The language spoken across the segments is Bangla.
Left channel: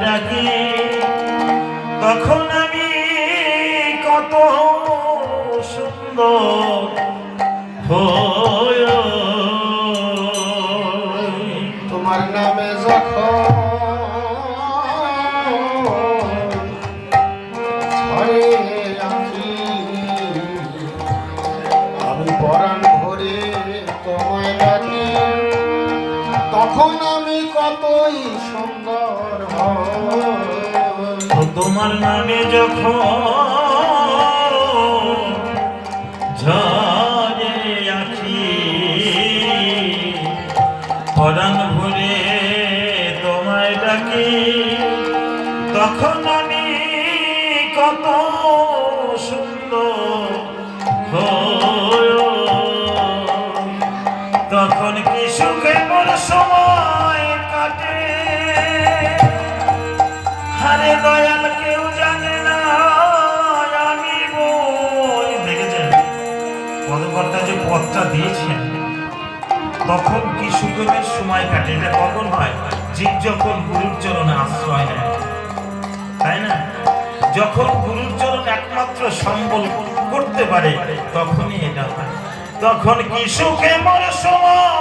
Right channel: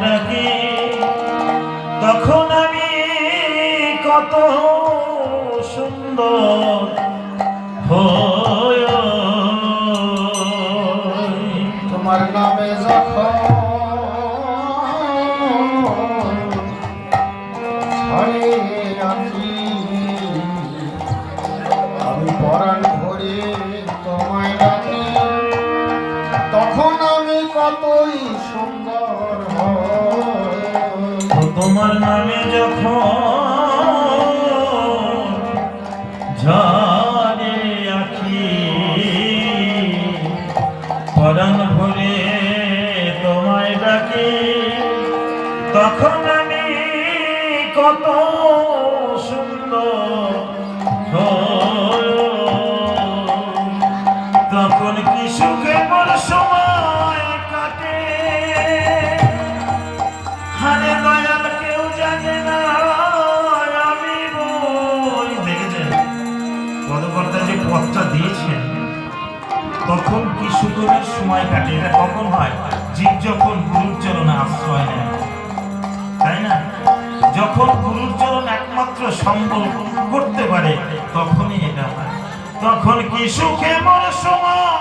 ডাকে তখন আমি কত সুন্দর তোমার নামে যখন সময় কাটে এটা কখন হয়? জীব যখন গুরুর চরণে আশ্রয় নেয়। তাই না? যখন গুরুর চরণ একমাত্র সম্বল করতে পারে, তখনই এটা হয়। তখন কি সুখে মর সময়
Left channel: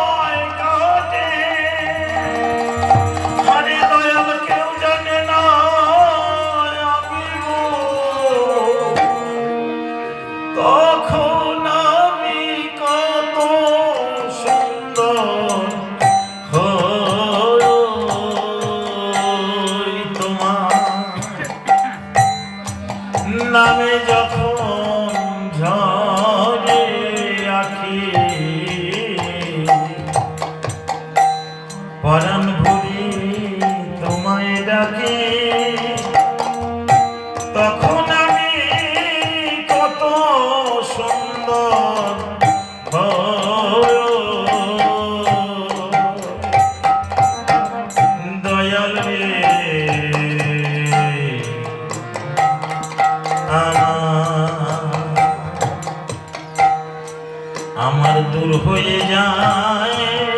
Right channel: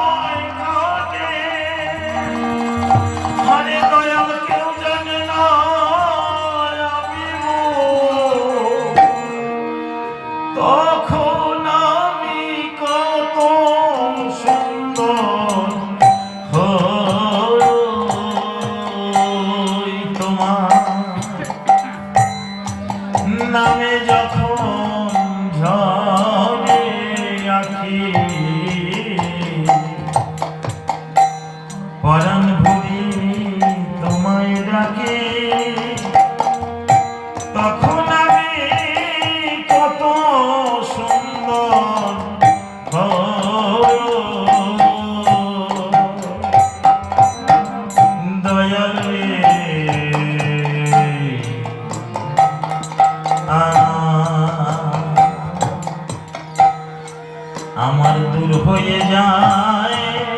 পরাণ ভুবি তোমায় ডাকে। তখন আমি কত সুন্দর দয়াল আমার দূর হয়ে যায়।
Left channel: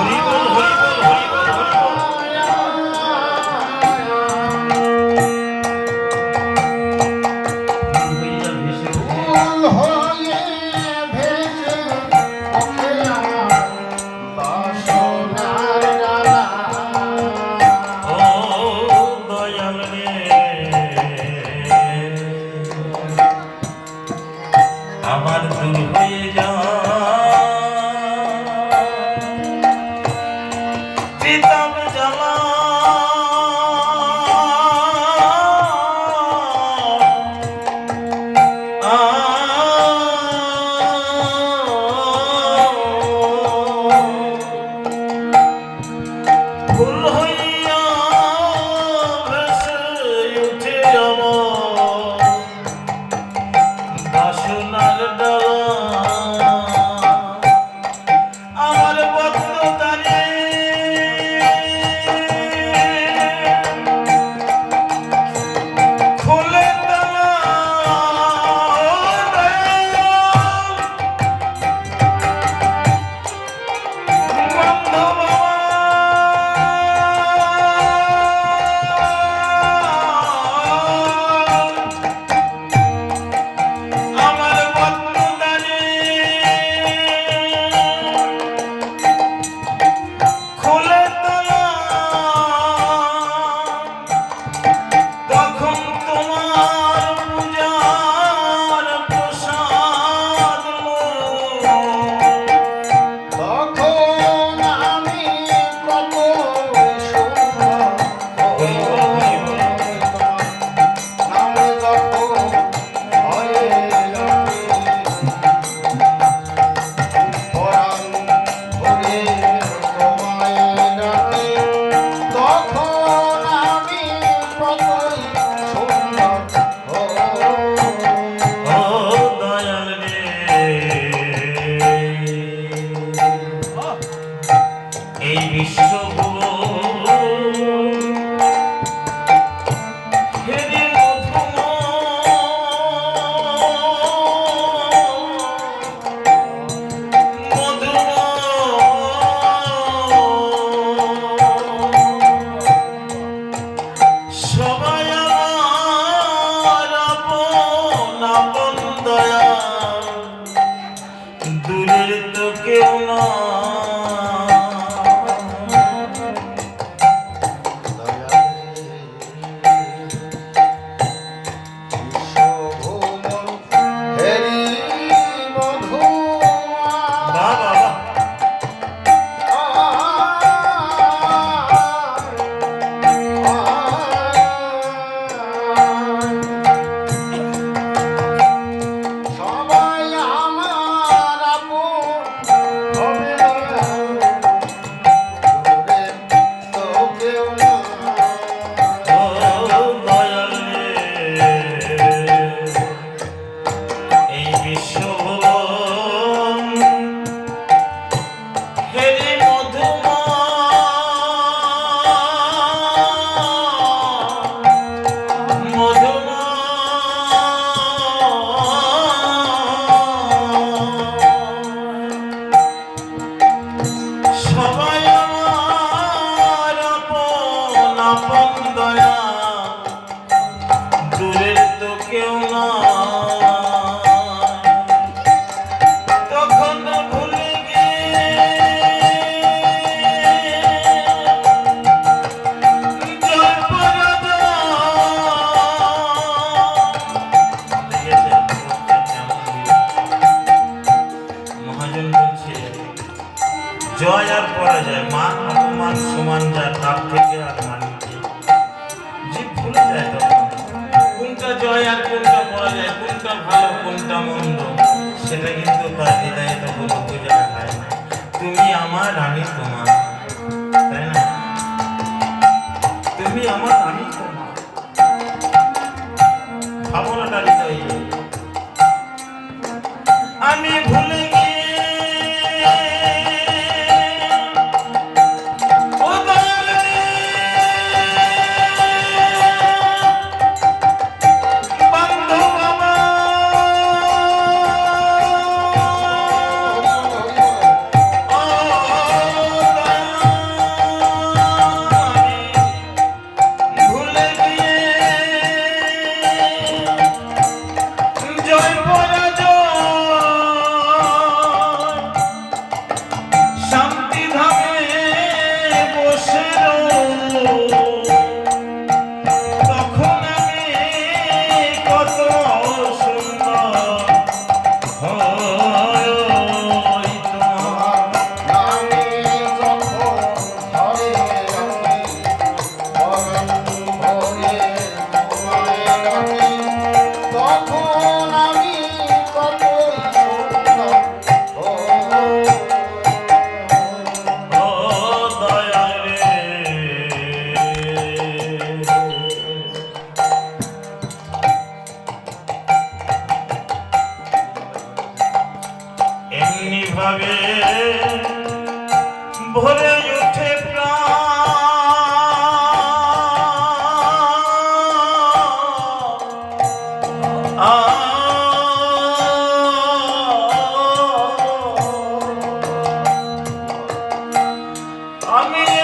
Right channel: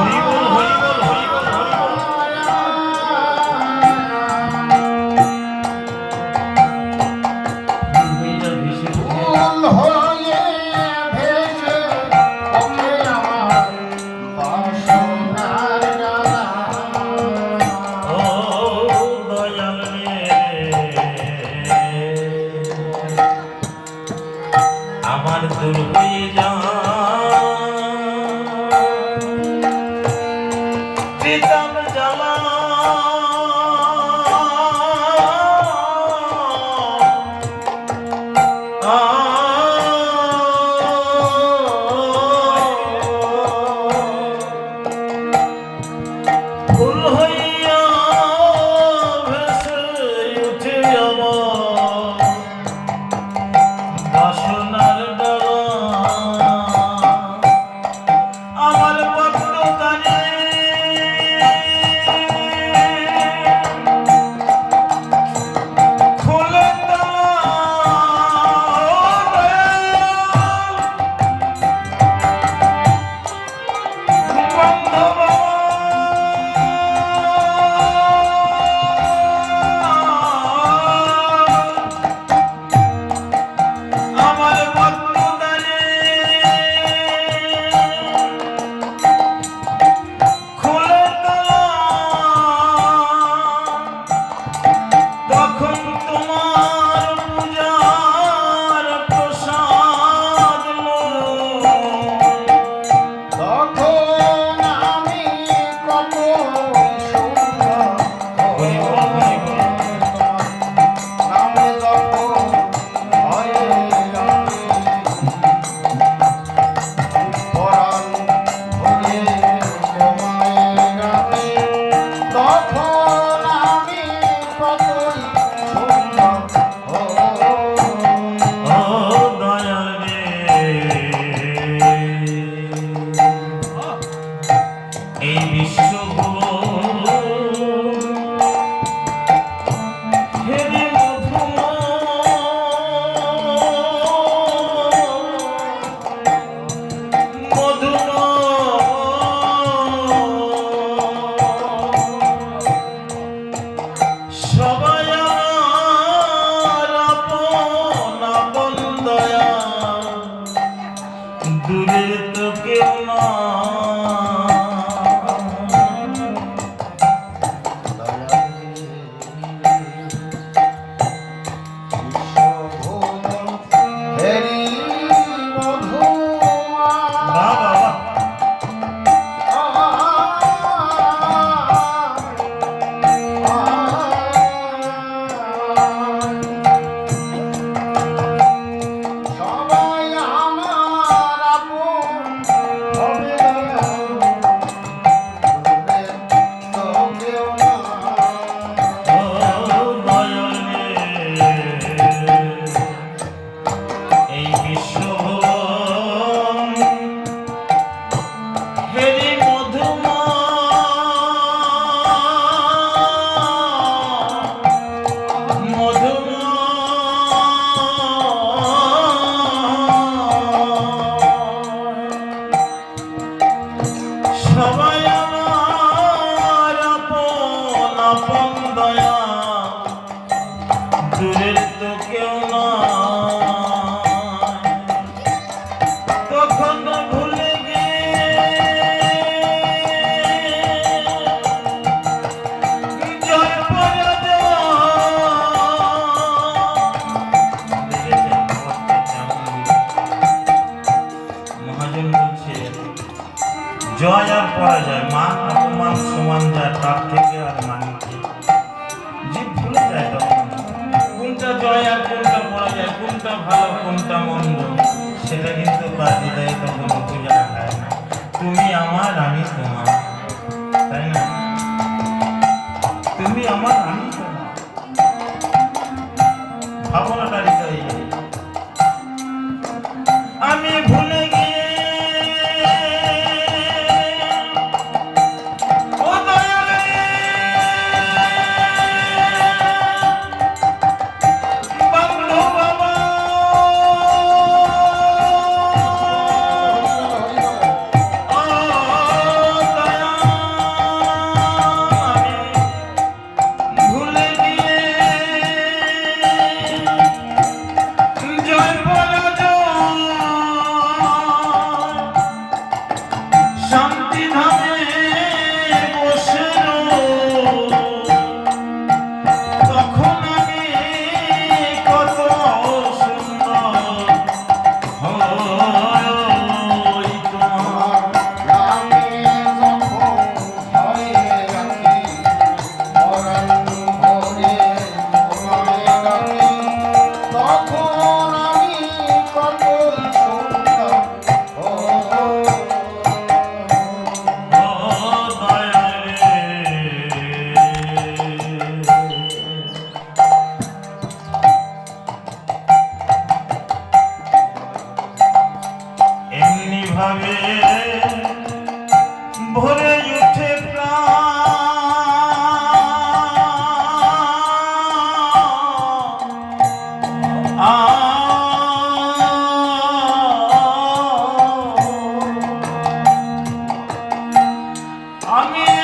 Bolívar. acredita. সুরের তো কেউ না কোনটা ভালো, কোনটা মন্দ, সেটা কিন্তু তার হৃদয়ে তখন বোঝা হয় না। তুমি আমার আমি তোমার, তাই না? তুমি আমার আমি তোমার। ভাবনাটা हमें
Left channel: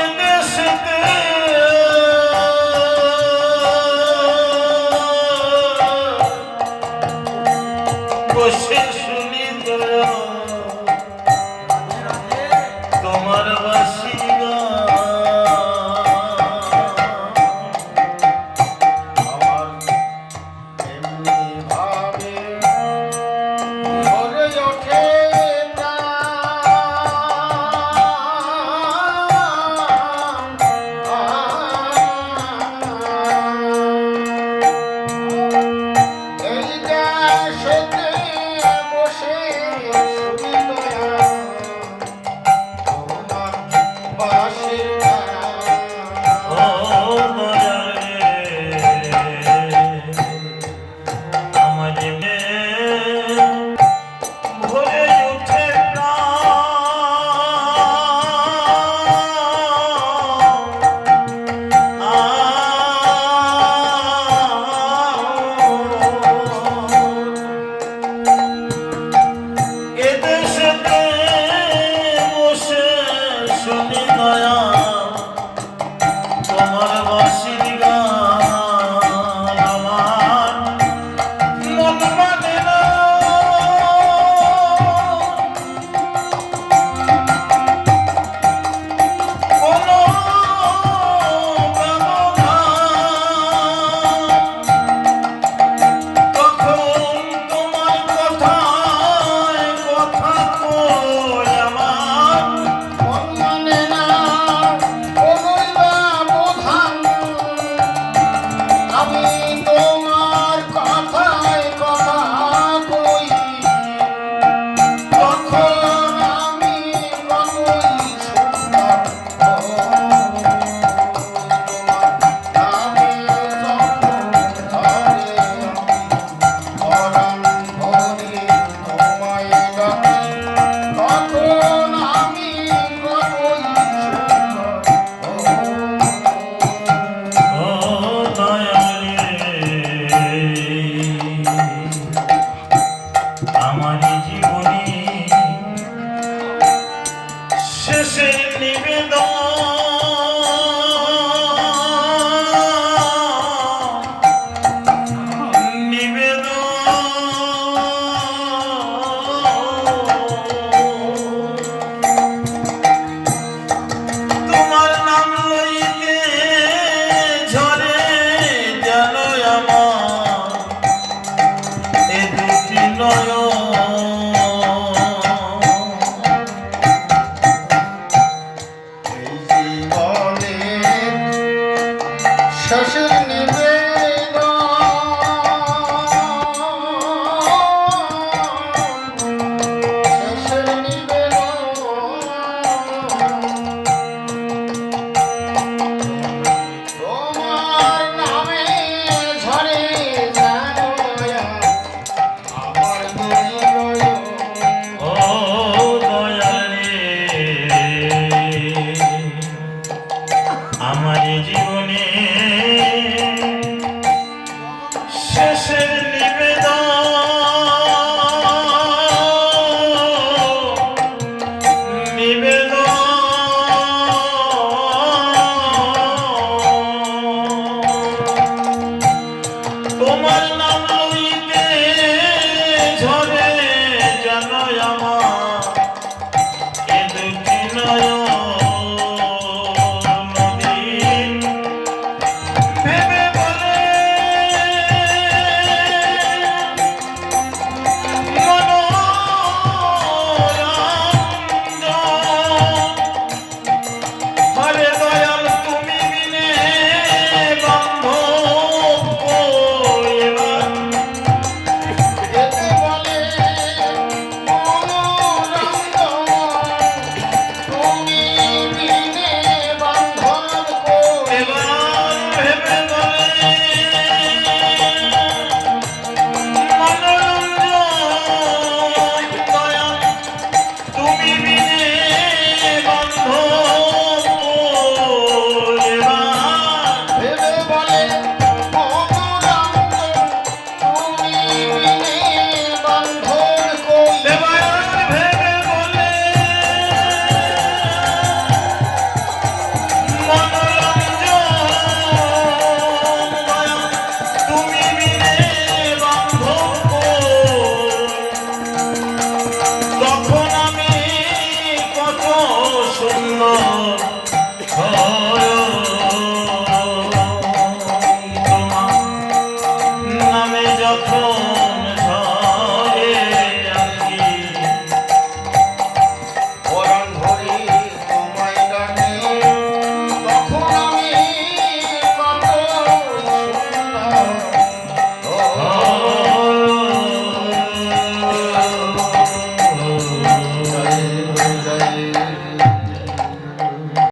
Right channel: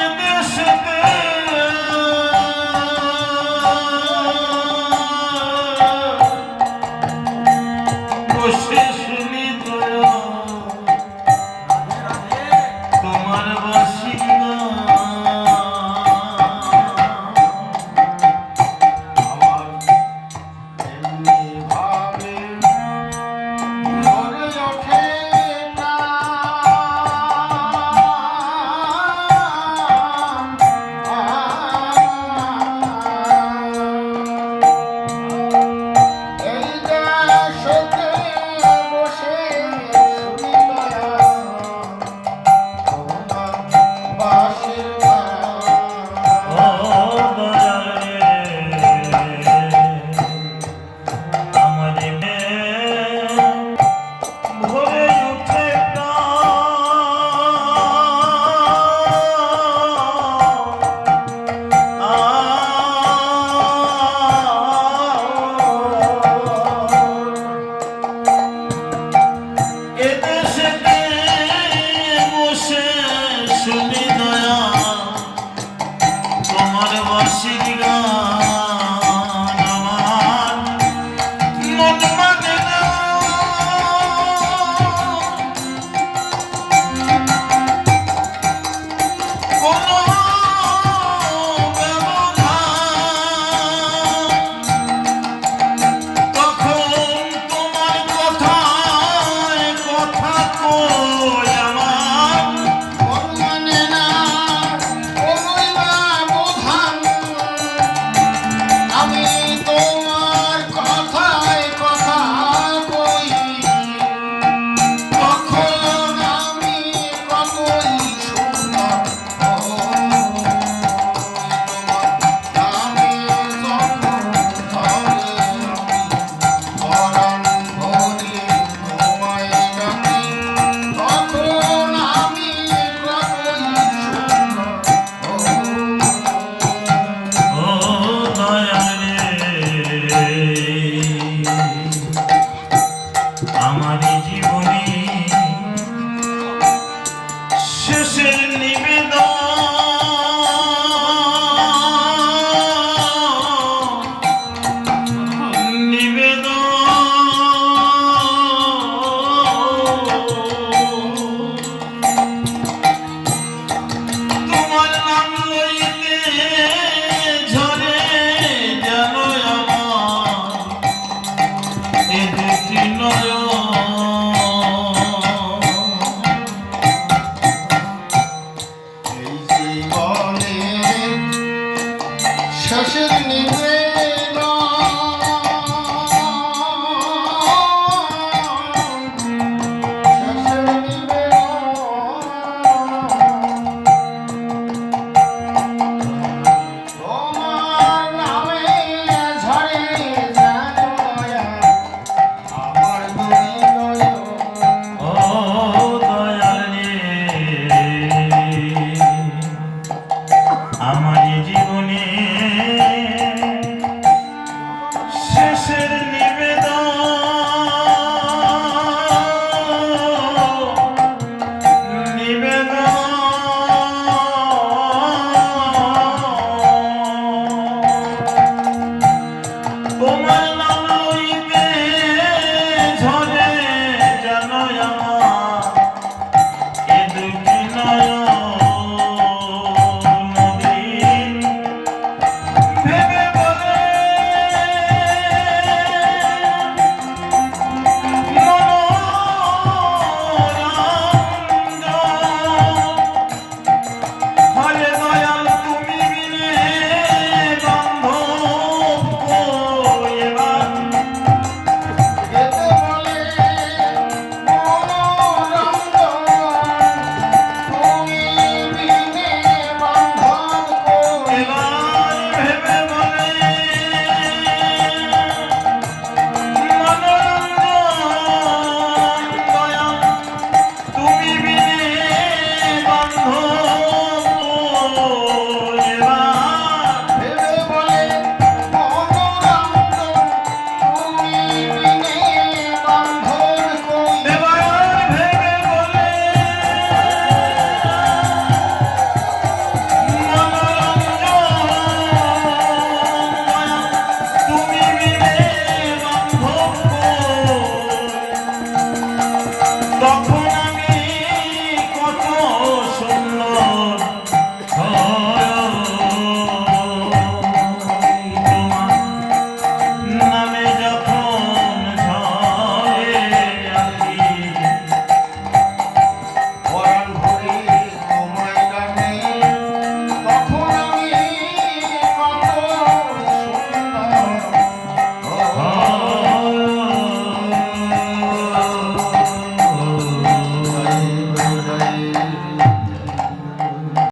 আমার জীবনে শেষের নিবেদন। নিবেদন তোমার Como Allah.